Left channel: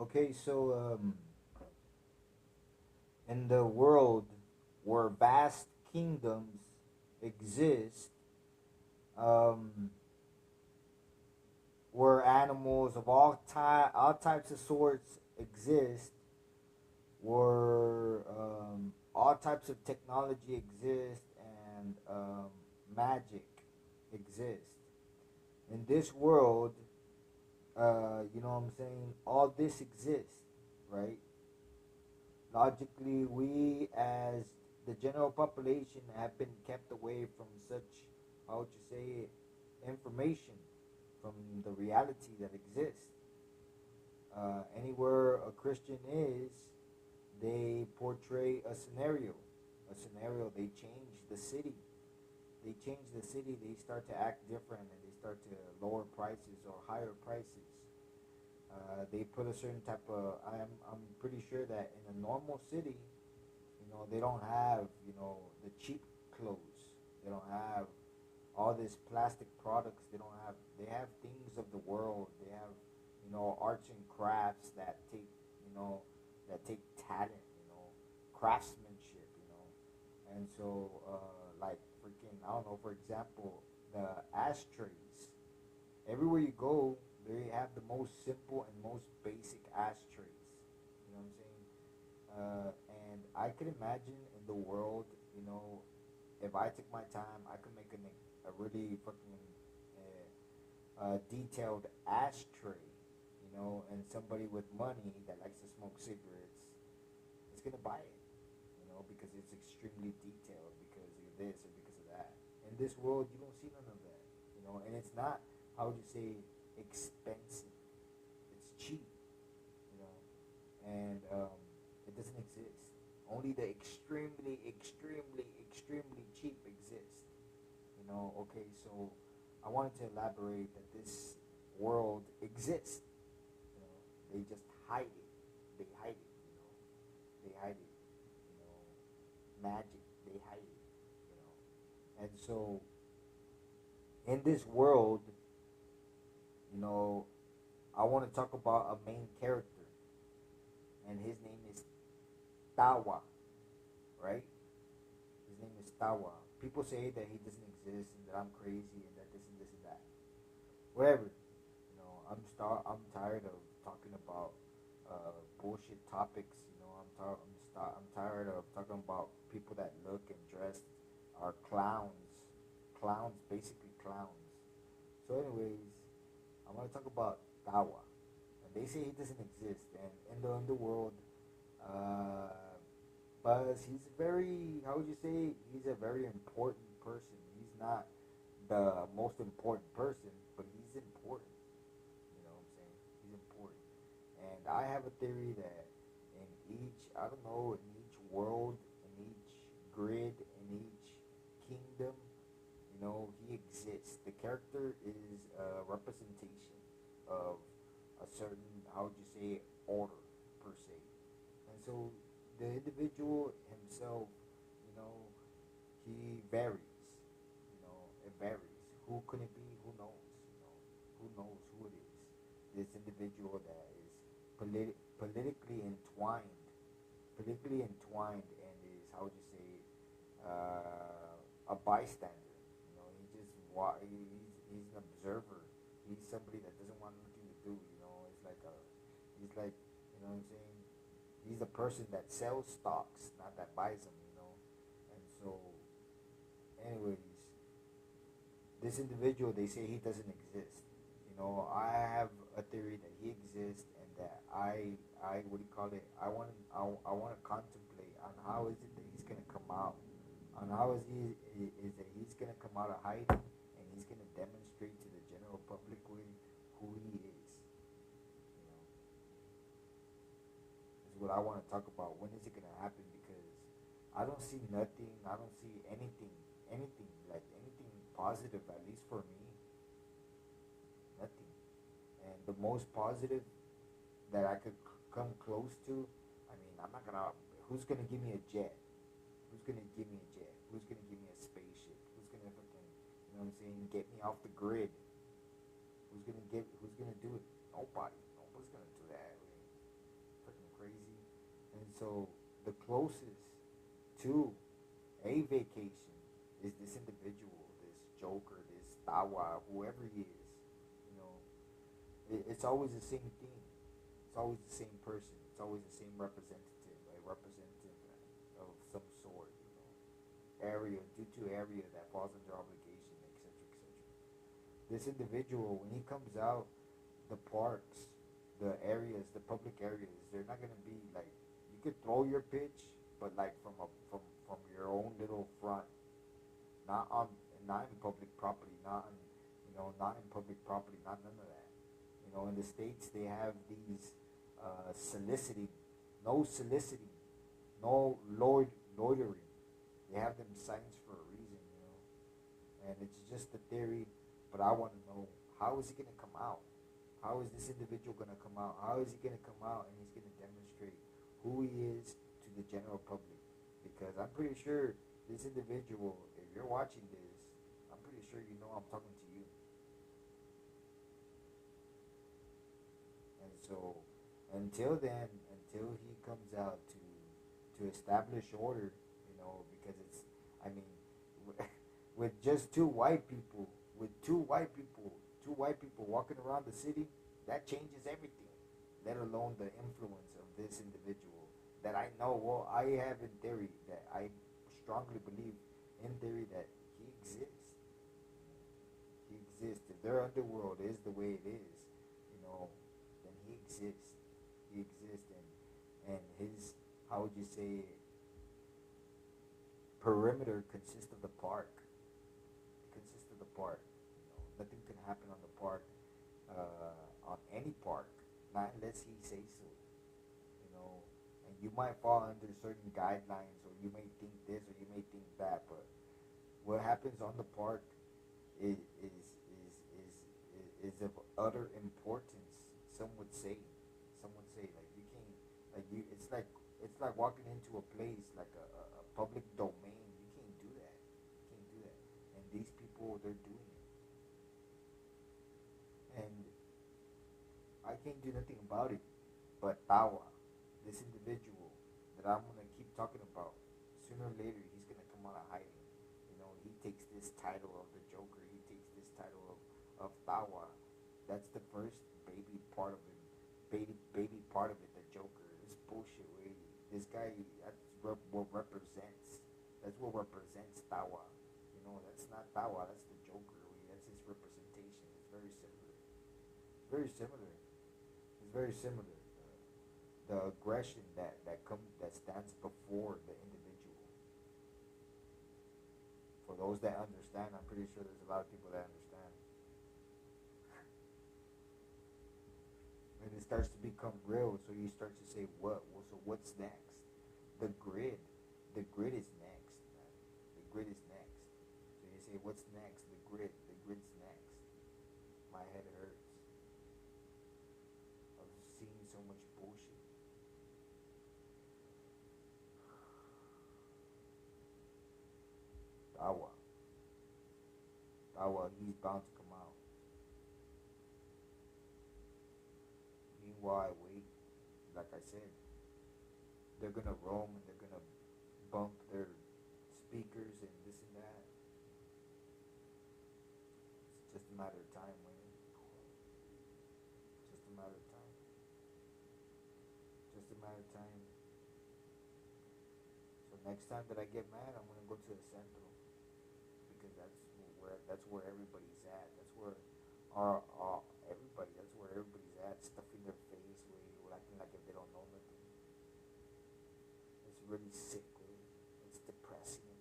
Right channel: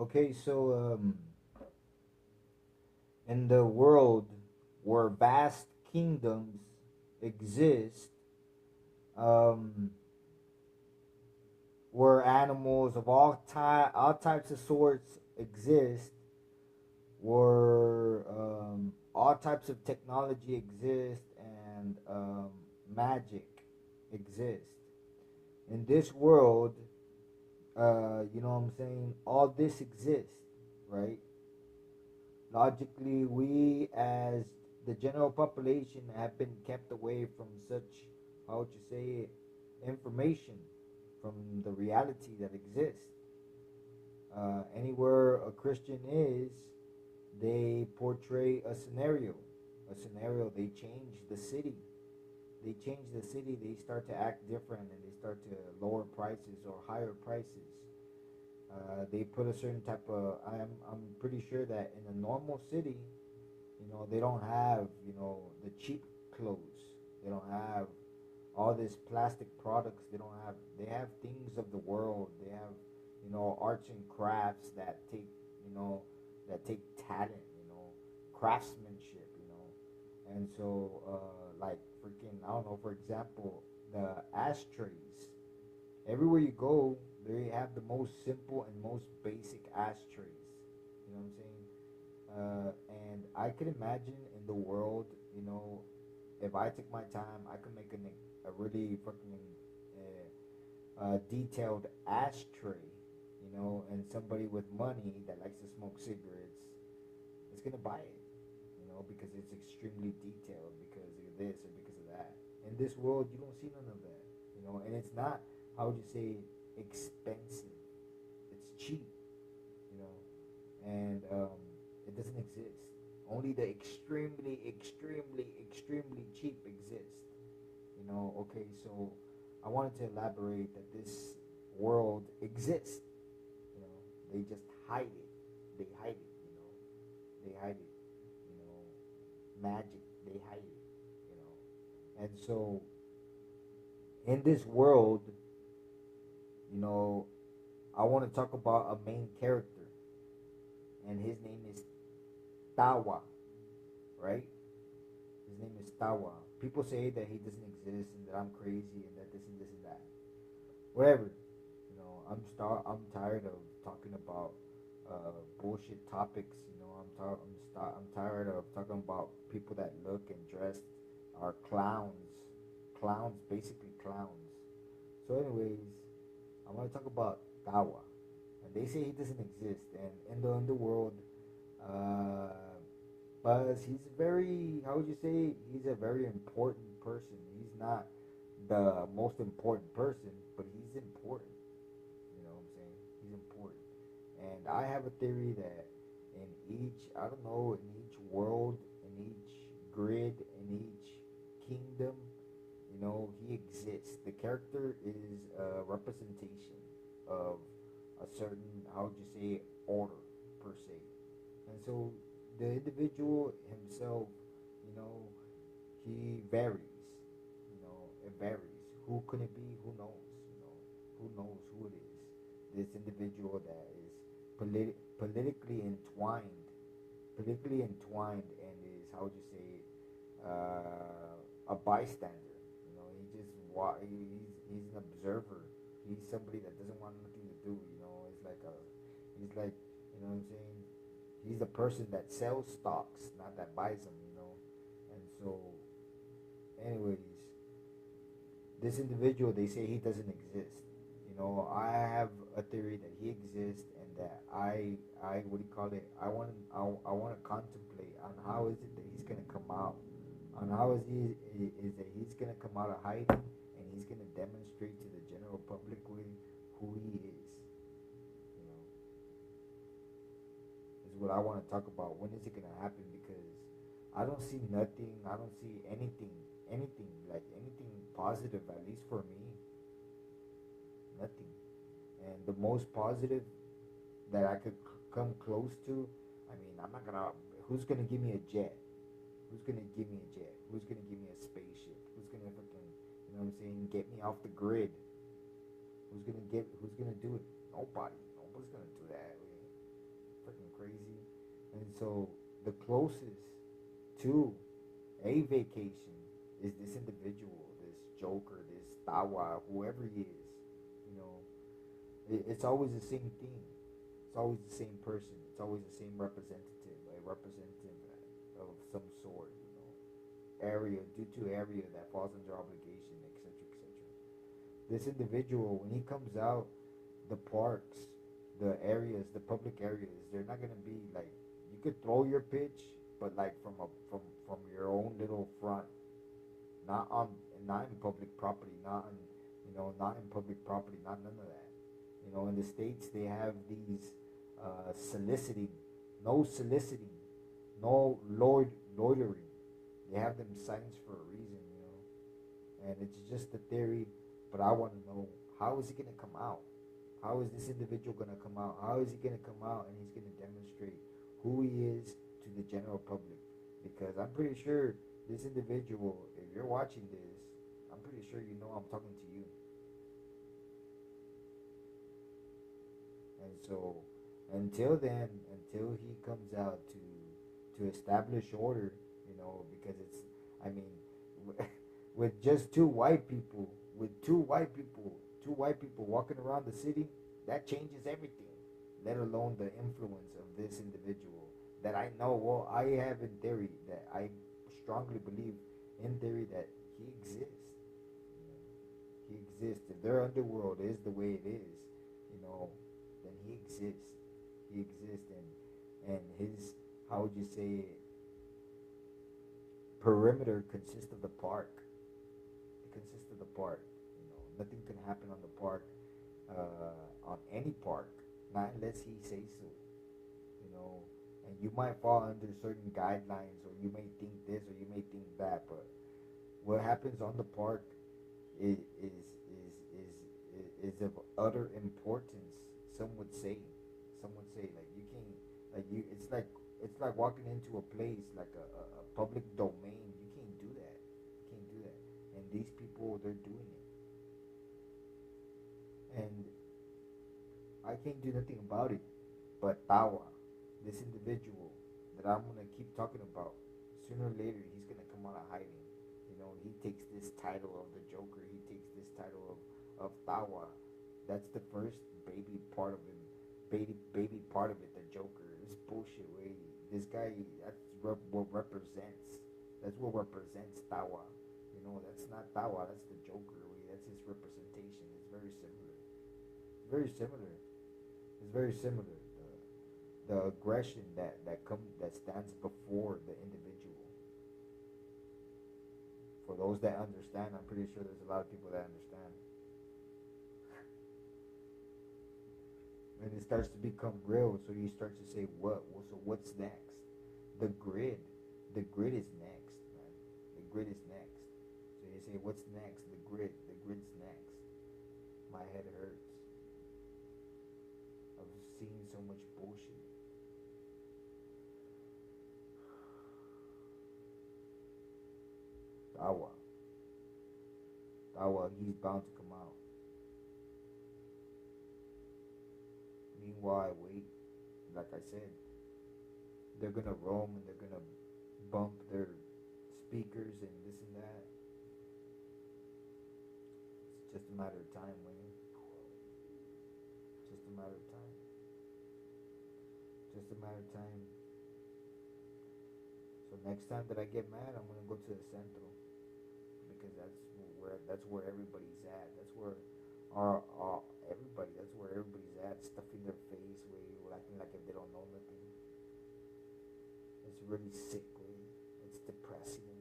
Okay, so in the world where vast kingdoms exist, um, where animals of all types of sorts exist, where all types of technology exist, and magic exists. In this world, you know what I'm saying? All this exists, right? Logically, we as the general population have been kept away from such, how would you say it, information from the reality that exists. Anywhere a Christian is, they portray a scenario. A scenario, they change the city. They change the city, they start to act different and they start to lower prices or higher prices. They put a certain type of. I'm pretty sure that in a normal city, you know, they don't have, you know, the cheap clothes. They don't have all this plastic products. They don't have. They have things of the world. They have, you know, arts and crafts that take, you know, that take talent. You know, craftsmanship. You know, and so like freaking, I don't know. For example, the ashtrays. Everywhere you go, they have the most simple and most basic ashtrays. You know what I'm saying? And I could imagine in the world, you know, if I took my time, I could make a really fucking detailed ashtray, you know, and somebody with money that likes to smoke cigarettes is gonna buy it, you know, because it's extremely detailed, because of this or because of that. In this world, you don't see none of that, you know, and it's not, how would you say, expensive. It's cheap, you know, and it doesn't exist. Only the extremely cheap exist. You know, okay, so I wanted to elaborate that this world exists. You know, they just hide it. They hide it. You know, they hide it. You know, magic. They hide it. You know, and so in this world, you know, I want to talk about a main character, and his name is Tawa, right? His name is Tawa. People say that he doesn't exist and that I'm crazy and that this and that. Whatever. You know, I'm tired of talking about bullshit topics. You know, I'm tired of talking about people that look and dress are clowns, basically clowns. So, anyways, I want to talk about Tawa, and they say he doesn't exist, and in the underworld, uh, but he's very, how would you say, he's a very important person. He's not the most important person, but he's important. You know what I'm saying? He's important. And I have a theory that in each, I don't know, in each world, in each grid, in each kingdom, you know, he exists. The character is a representation of a certain, how would you say, order per se. And so the individual himself, you know, he varies. You know, it varies. Who could it be? Who knows? You know, who knows who it is? This individual that is politically entwined, and is, how would you say, a bystander. You know, he's an observer. He's somebody that doesn't want nothing to do. You know, he's like, you know what I'm saying. He's a person that sells stocks, not that buys them. You know, and so, anyways, this individual, they say he doesn't exist. You know, I have a theory that he exists, and that what do you call it? I want to contemplate on how is it that he's gonna come out, on how is that he's gonna come out of hiding, and he's gonna demonstrate to the general public who he is. You know, is what I want to talk about. When is it gonna happen? Because I don't see nothing. I don't see anything like anything positive. At least for me, nothing. And the most positive that I could come close to, I mean, I'm not gonna. Who's gonna give me a jet? Who's gonna give me a jet? Who's gonna give me a spaceship? Who's gonna fucking, you know what I'm saying, get me off the grid? Who's gonna do it? Nobody. Nobody's gonna do that. Really. crazy. And so the closest to a vacation is this individual, this Joker, this Tawa, whoever he is. You know, it's always the same thing. It's always the same person. It's always the same representative, a representative of some sort. You know, area due to area that falls under obligation, etc., etc. This individual, when he comes out, the parks, the areas, the public areas, they're not gonna be like you could throw your pitch, but like from your own little front, not on not in public property, not in not in public property, not none of that. You know, in the states they have these soliciting, no soliciting, no loitering. They have them signs for a reason, you know, and it's just a theory. But I want to know, how is he gonna come out? How is this individual going to come out? How is he going to come out and he's going to demonstrate who he is to the general public? Because I'm pretty sure this individual, if you're watching this, I'm pretty sure you know I'm talking to you. And so, until then, until he comes out to establish order, you know, because it's, I mean, with just two white people walking around the city, that changes everything. Let alone the influence of this individual that I know. Well, I have in theory that I strongly believe in theory that he exists. You know, he exists. If their underworld is the way it is, you know, then he exists. He exists, and his, how would you say it, perimeter consists of the park. It consists of the park. Nothing can happen on the park, on any park, not unless he says so. You know, and you might fall under certain guidelines, or you may think this, or you may think that. But what happens on the park is of utter importance. Some would say, like you can, like you, it's like walking into a place like a public domain. You can't do that. You can't do that. And these people, they're doing it. And I can't do nothing about it. But Tawa, this individual that I'm gonna keep talking about, sooner or later he's gonna come out of hiding. You know, he takes this title of the Joker. He takes this title of Tawa. That's the first baby part of him. Baby part of it, the Joker. It's bullshit, way. This guy, what represents. That's what represents Tawa. You know, that's not Tawa. That's the Joker, way. That's his representation. It's very similar. Very similar. It's very similar. The aggression that stands before the individual. For those that understand, I'm pretty sure there's a lot of people that understand. And it starts to become real, so you start to say, what? Well, so what's next? The grid is next, man. The grid is next. So you say, what's next? The grid's next. My head hurts. Seeing so much bullshit. Tawa, he's bound to come out. Meanwhile, wait, like I said, they're gonna roam and they're gonna bump their speakers and this and that. It's just a matter of time, Wayne. Just a matter of time. Just a matter of time. So next time that I get mad, I'm gonna go to the centro, because that's where everybody's at. That's where that's where everybody's at, stuffing their face, way, acting like if they don't know nothing. It's really sick, way. It's depressing.